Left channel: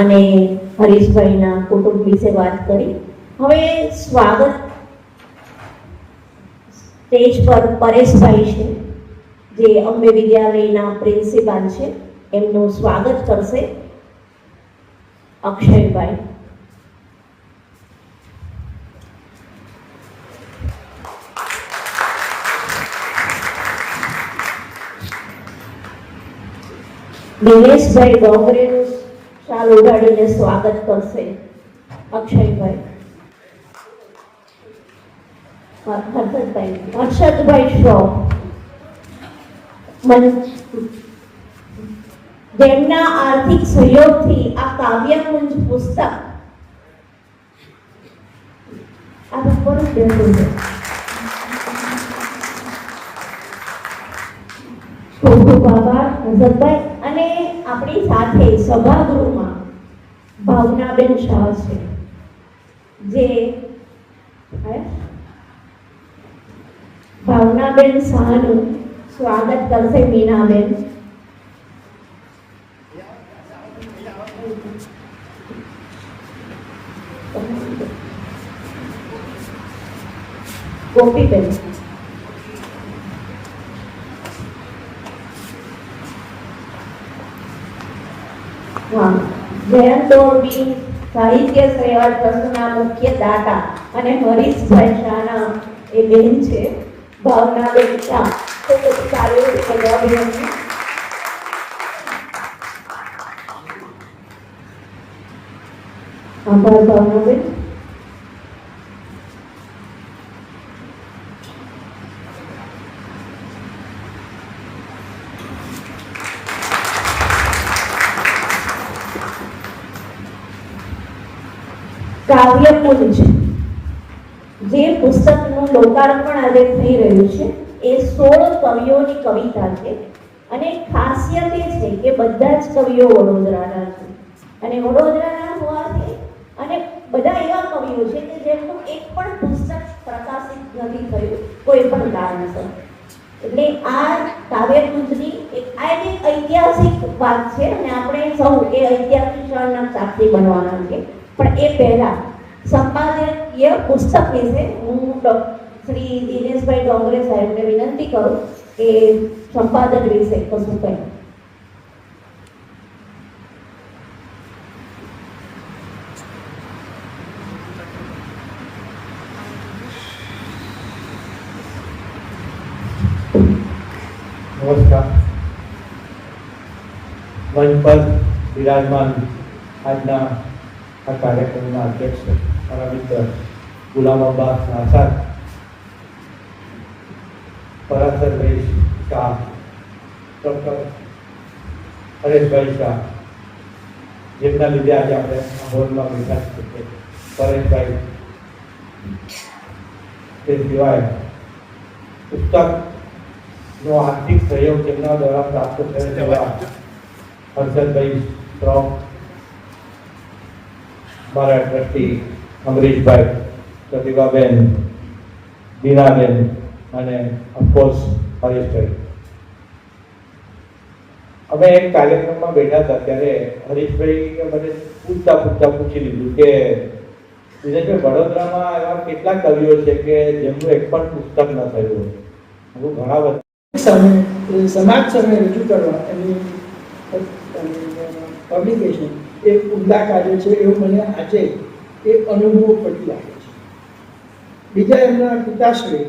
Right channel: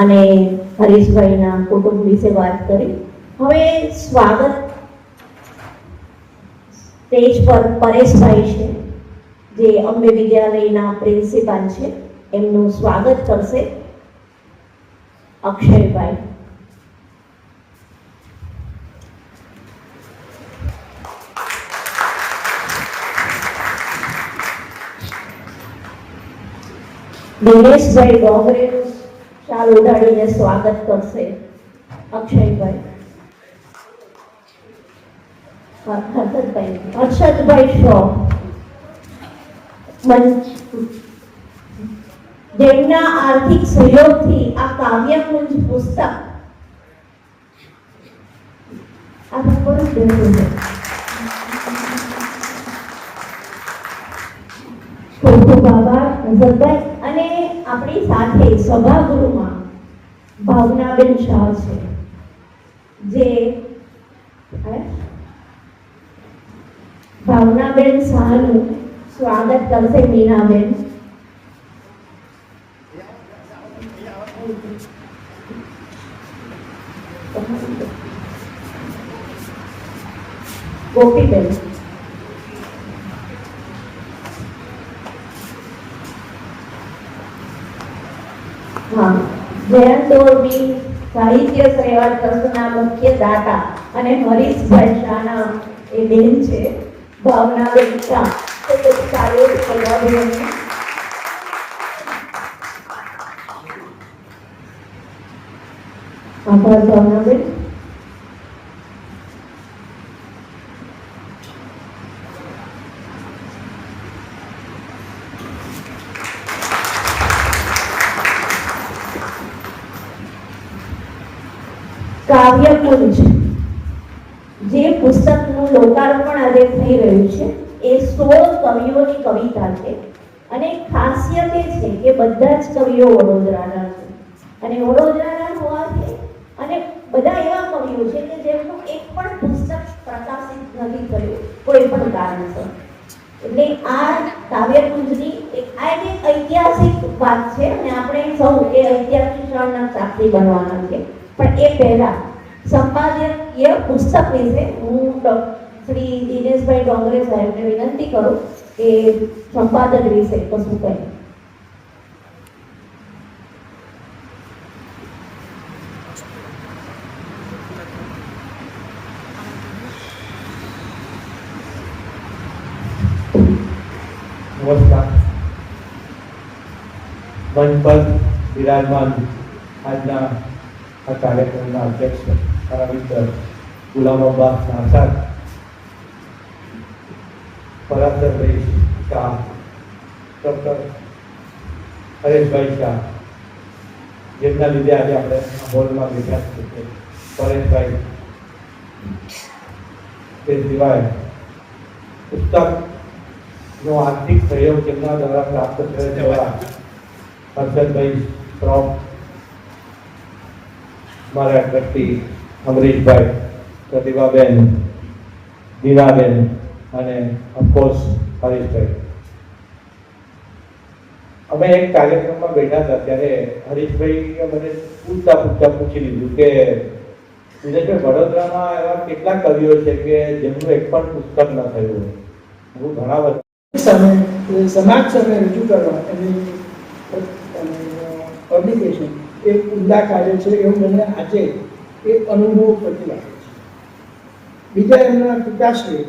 અને હરીશભાઈના કુટુંબ વિશે વાત કરી. હવે સ્વાગત સ્ટેજ પર પરેશભાઈ છે, જે અંબે વિદ્યાલયના પ્રિન્સિપાલ છે. એમનું સ્વાગત કરશે અક્ષયભાઈ. દિનેશભાઈ ડોંગરેનું શાલ ઉઘાડીને સ્વાગત કરશે. અક્ષયભાઈ. અક્ષતભાઈ શો? જેમના આર્થિક સહયોગથી આ કાવ્યકુંજ પુસ્તક. ખૂબ ખૂબ આભાર સાથે સભાગૃહમાં ભાવનાબેન શાહ છે જે? ભાવનાબેન શાહનું સ્વાગત કરશે મીનાબેન ગોપીબેન સાહિત્ય શ્રેવડ ટ્રસ્ટના મુખ્ય દાતા અને હરીશભાઈ શાના એ બેન છે, ભાવના શાહ. તો પછી આજે થઈ રહ્યું છે. એ સોળ કવિઓની કવિતા છે. અને ખાસિયત એ છે કે બધા જ કવિઓ વડોદરાના છે. અને વડોદરાના હોવાથી અને બધા એવા કવિઓ છે કે જેમનું એક પણ પુસ્તક પ્રકાશિત નથી થયું, કોઈ પણ કારણસર. એટલે આ કાવ્યકુંજની એક, આ એક ઐતિહાસિક વાત છે અને આપણે સૌ એ ઐતિહાસિક ક્ષણના સાક્ષી બનવાના છે. પણ એ પહેલા સંપાદકીય પુસ્તક વિશે હું શ્રી દિનેશભાઈ ડોંગરે સાહેબને વિનંતી કરો કે સંપાદન વિશે કશું કહે. નમસ્કાર. મંચ પર વિરાજમાન આજના આ કાર્યક્રમના અધ્યક્ષ મિત્ર ગુલામ આઝાદ પરાસરભાઈ શાહ ડૉક્ટર હરેશભાઈ શાહ જેમના લીધે આજે આપણે આ હોલમાં બેઠા છીએ પરેશભાઈ તે સિવાય પુસ્તક નો આર્થિક સહયોગ જેમના દ્વારા પ્રાપ્ત થયો છે એવા હર્ષદભાઈ શ્રોફ મારા ટ્રસ્ટી અમરીશભાઈ પ્રતિભાબેન દીનાબેન અને અફકોર્સ હરીશભાઈ અમે એક કાર્યક્રમમાં બેઠા હતા ત્યારે હરીશભાઈ મને પૂછતા પૂછતા પૂછી લીધું કે દિનેશભાઈ વડોદરામાં એવા કેટલા કવિઓ છે કે જેમનું એક પણ પુસ્તક ન થયું હું ઘણા બધા સામે સમાજ સામે રજૂ કરવા એમની પબ્લિકેશન એ ઉમદા કાર્ય છે એવું મને આજે એ અનુભવ પડી લાગે છે. બીજા એમના પિતાશ્રી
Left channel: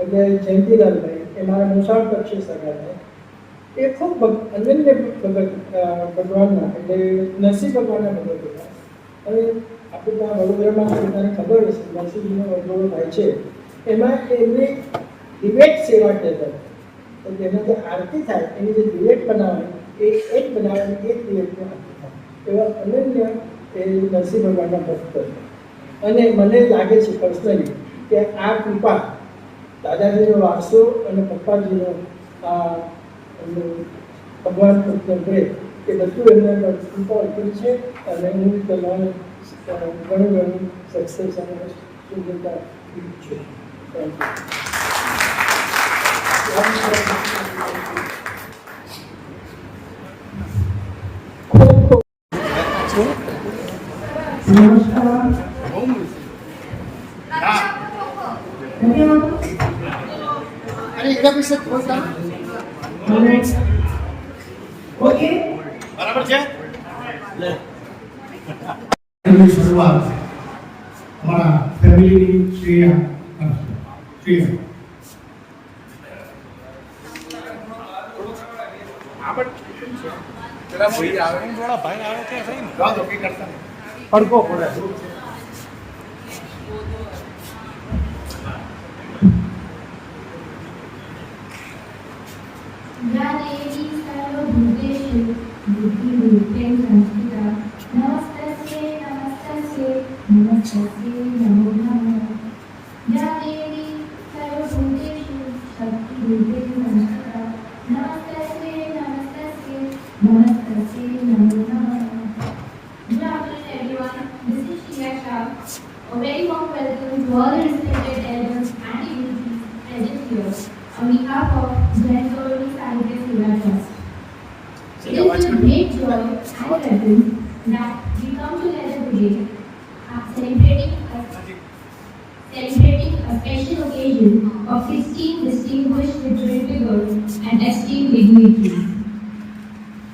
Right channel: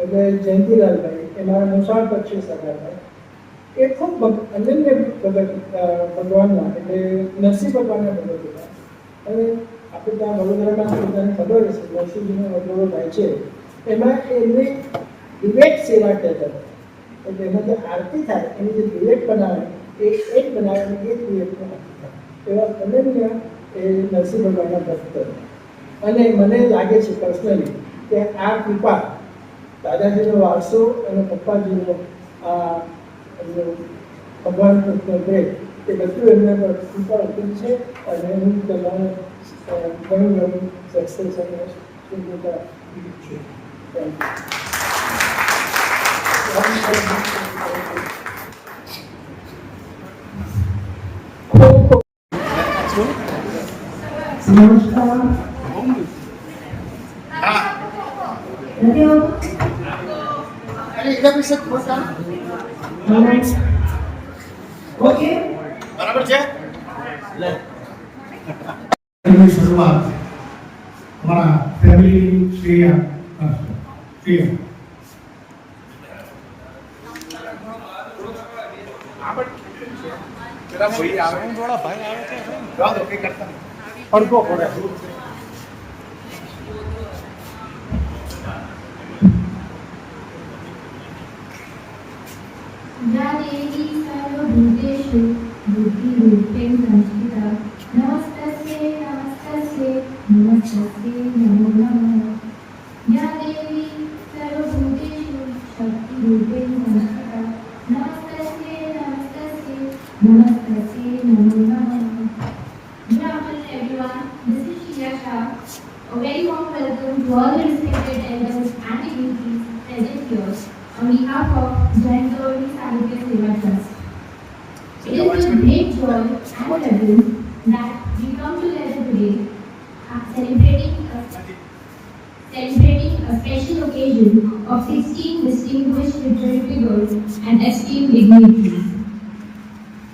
એટલે જયંતિલાલભાઈ, એ મારા મુસાફર છે સગાભાઈ એ ખૂબ અનન્ય ભગવાનના, એટલે નરસિંહ ભગવાનના ભગત હતા. અને આપણે ત્યાં વડોદરામાં બધાને ખબર હશે, નરસિંહજીનો વડોદરો થાય છે. એમાં એમની ડિબેટ સેવા કહેતા હતા. તો તેમાં જે આરતી થાય, એની જે ડિબેટ બનાવે, એ એક બનાવે એક ડિબેટની એવા અનન્ય એ નરસિંહ ભગવાનના ભક્ત અને મને લાગે છે પર્સનલી કે આ કૃપા દાદાજીનો વારસો અને પપ્પાજીનો આ ભગવાન પ્રેમ એ બધું એમને પર કૃપા ઉતરી છે અને હું તમારે અ, ઘણું ઘણું સક્સેસ અને સુંદરતા છે છું. થેન્ક યુ ખૂબ ખૂબ નમસ્કાર નથી આવતું? ઓકે બરાબર છે એમની શરૂઆત અમારા ફેમિલીની શ્રેયા કરશે શ્રેયા પેલા ભાઈ આવે થોડા ભાઈ આવે તો સહી ને. જાઓ તો કંઈ કરતા નહીં. પડકો પડે या દેવી સર્વભૂતેષુ બુદ્ધિરૂપેણ સંસ્થિતા નમસ્તસ્યે નમસ્તસ્યે નમસ્તસ્યે નમો નમઃ યા દેવી સર્વભૂતેષુ શક્તિરૂપેણ સંસ્થિતા નમસ્તસ્યે નમસ્તસ્યે નમસ્તસ્યે નમો નમઃ Good afternoon everyone. This is Shia Shah. A very warm welcome to all the respected elders and dignitaries present here. On behalf of Jayantori Sahitya Seva Trust. It is with great joy and reverence that we come together today uh, celebrating a, celebrating a special occasion of 16 distinguished literary figures and esteemed dignitaries.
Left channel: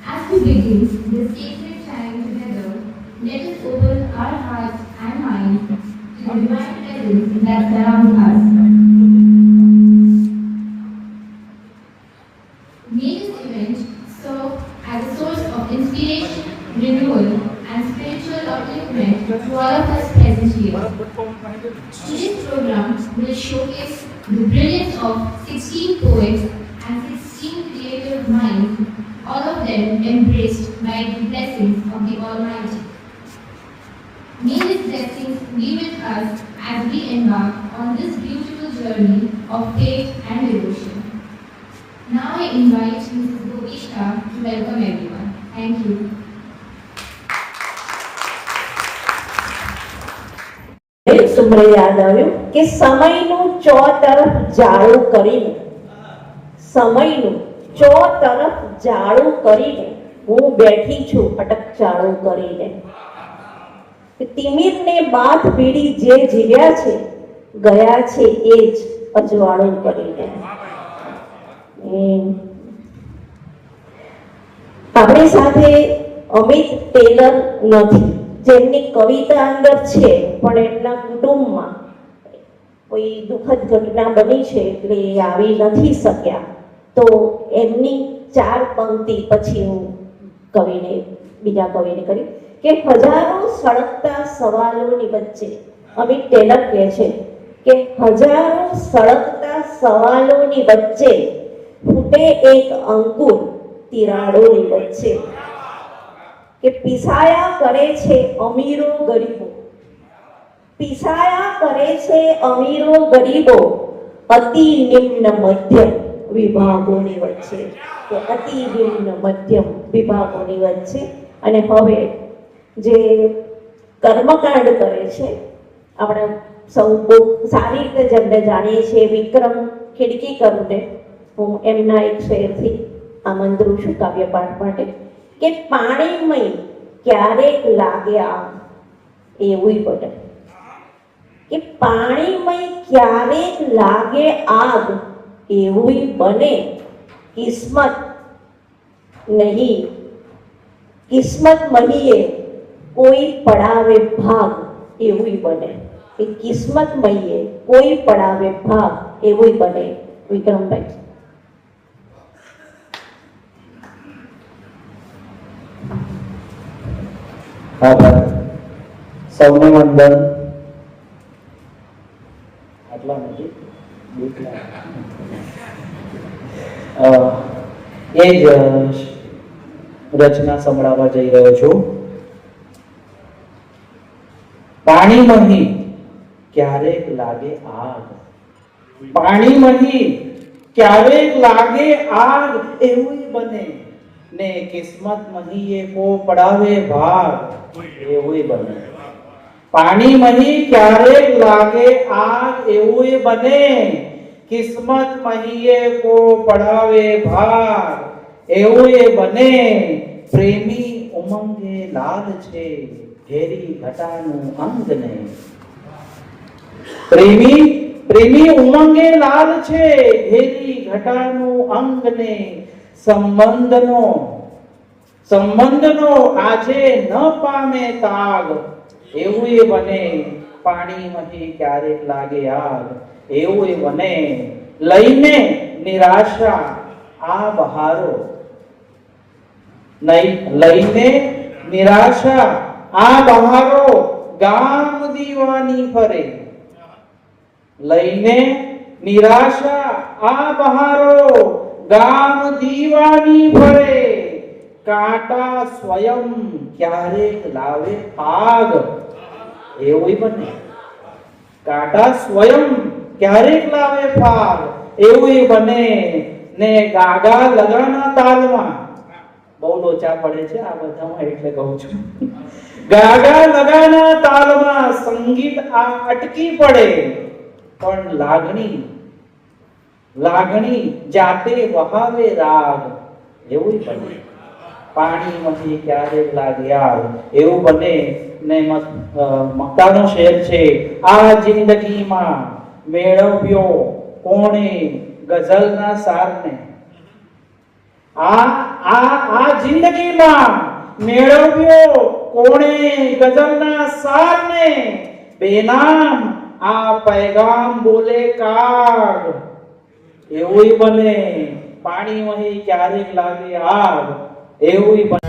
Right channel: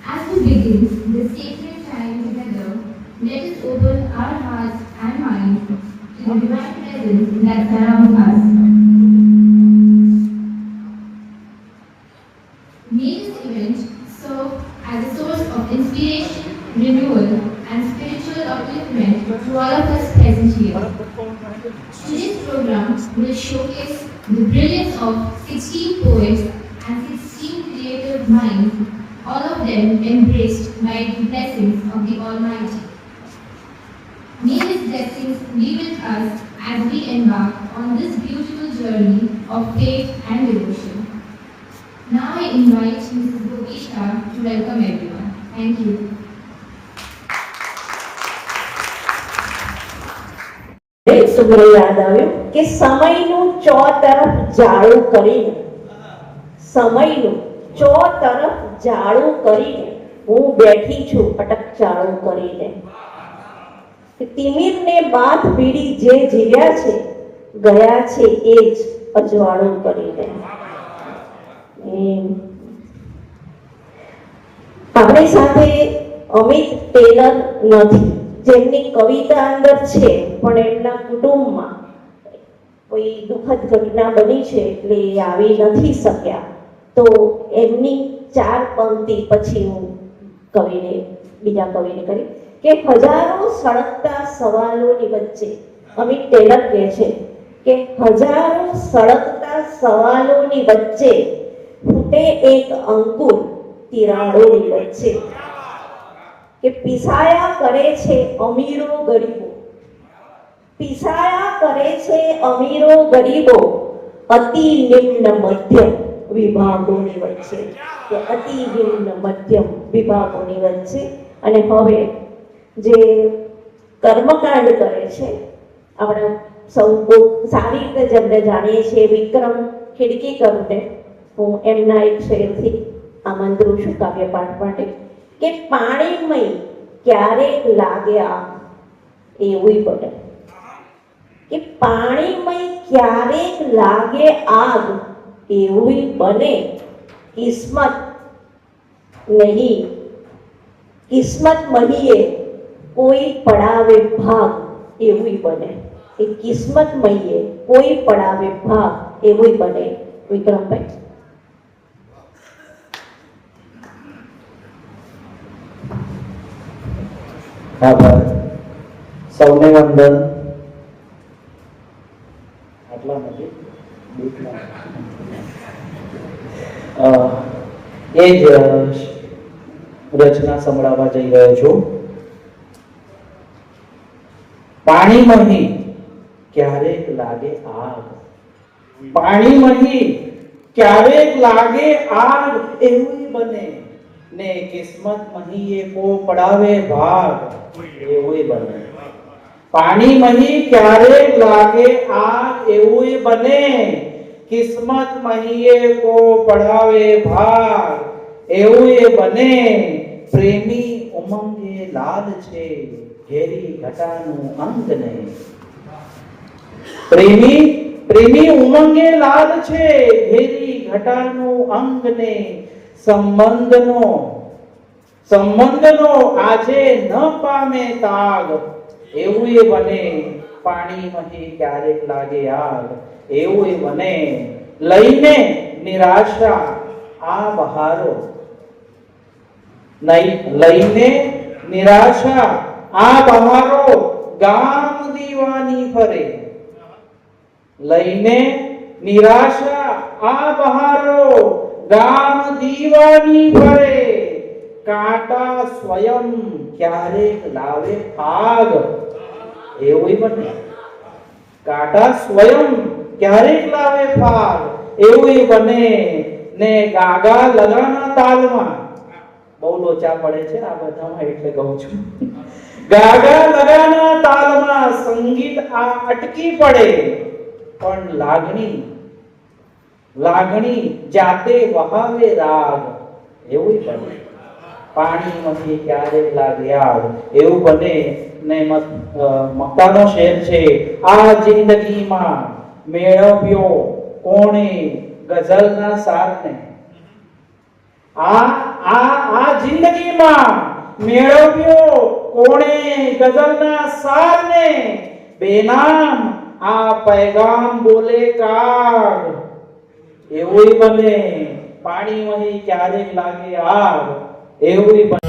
As we begin this sacred time together, let us open our hearts and minds to the divine presence that surrounds us. May this event serve as a source of inspiration, renewal, and spiritual upliftment to all of us present here. Today's program will showcase the brilliance of 16 poets and 16 creative minds, all of them embraced by the blessings of the Almighty. May these blessings be with us as we embark on this beautiful journey of faith and devotion. Now I invite Mrs. Gopi to welcome everyone. Thank you. મને યાદ આવ્યું કે સમયનું ચો તરફ જાળું કરીને, સમયનું ચો તરફ જાળું કરીને હું બેઠી છું અટક ચાળું કરીને તિમિરને બાથ પીડી જે જીવ્યા છે, ગયા છે એ જ અજવાળું કરીને. આપણી સાથે અમિત ટેલર નથી. જેમની કવિતા અંદર છે, પણ એમના કુટુંબમાં કોઈ દુઃખદ ઘટના બની છે એટલે એ આવી નથી શક્યા. તો એમની ચાર પંક્તિ પછી હું કવિને, બીજા કવિને કરી કે હજારો સળગતા સવાલોની વચ્ચે, અમિત ટેલર કહે છે કે હજારો સળગતા સવાલોની વચ્ચે ફૂટે એક અંકુર તિરાડોની વચ્ચે. કે પીસાયા કરે છે અમીરો ગરીબો. પીસાયા કરે છે અમીરો ગરીબો. અતિ નિમ્ન મધ્યમ વિભાગોની વચ્ચે. કે અતિ નિમ્ન મધ્યમ વિભાગોની વચ્ચે. અને હવે જે કર્મકાંડ કરે છે, આપણે સૌ બહુ સારી રીતે જેમને જાણીએ છીએ, વિક્રમ ખીડકીકરને હું એમના એક શેરથી આમંત્રું છું કાવ્યપાઠ માટે કે પાણીમય ક્યારેક લાગે આમ એવું બને કે પાણીમય ક્યારેક લાગે આગ એવું બને કિસ્મત નહીં કિસ્મત મહીએ કોઈ પડાવે ભાગ એવું બને કે કિસ્મત મહીએ કોઈ પડાવે ભાગ એવું બને વિક્રમભાઈ આભાર સૌને વંદન. આટલા નજીક? એ જ રચના સંભળાવવા જઈ રહ્યો છું. પાણીમાંથી ક્યારેક લાગે આગ. પાણીમાંથી ક્યારેક લાગે આગ એવું બને. ને કિસ્મત મહી કો પડાવે ભાગ. એવું બને. પાણી મહી ક્યારેક લાગે? આ એવું બને. કિસ્મત મહીએ કો પડાવે ભાગ. એવું બને. પ્રેમી ઉમંગે લાદ છે. ઘેરી ઘટાનું અંત ને પ્રેમી પ્રેમી ઉમંગે લાલ છે. ઘેરી ઘટાનું અંગ ને સંબંધનો સંબંધનો આજે ન પામે તાગ, એવું એ બને પાણીમાંથી ક્યારેક લાગે આગ, એવું એ બને લઈને નિરાશા આ બહારો. નહીં, લઈને નિરાશા આ બહારો ગામ દીવાની ફરે. લઈને નિરાશા આ બહારો ગામ દીવાની ફરે કાંટા સ્વયં ક્યારેક લાવે પાગ. એવું બને. કાંટા સ્વયં ક્યારેક લાવે પાગ. એવું બને. ને ગાગા લગાના તાલમાં. બહુ લોચા પડે છે આ બધામાં, એટલે કહું છું. ગાગા લગાના તાલમાં સંગીત આ અટકી પડે. પણ લાગણી લાગણી જાતે વહાવે રાગ. એવું બને. પાણી ક્યારેક ક્યારે લાગ્યા એવું બને. ને મક્તાનો શેર છે. આ જિંદગીમાં મેળવ્યો કોણે ગઝલના સારને? આ આ આ જિંદગીમાં મેળવ્યો કોણે ગઝલના સારને? બેનામ આ પૈગામ બોલે કાગ એવું બને પાણીમાંથી ક્યારેક લાગે આગ એવું બને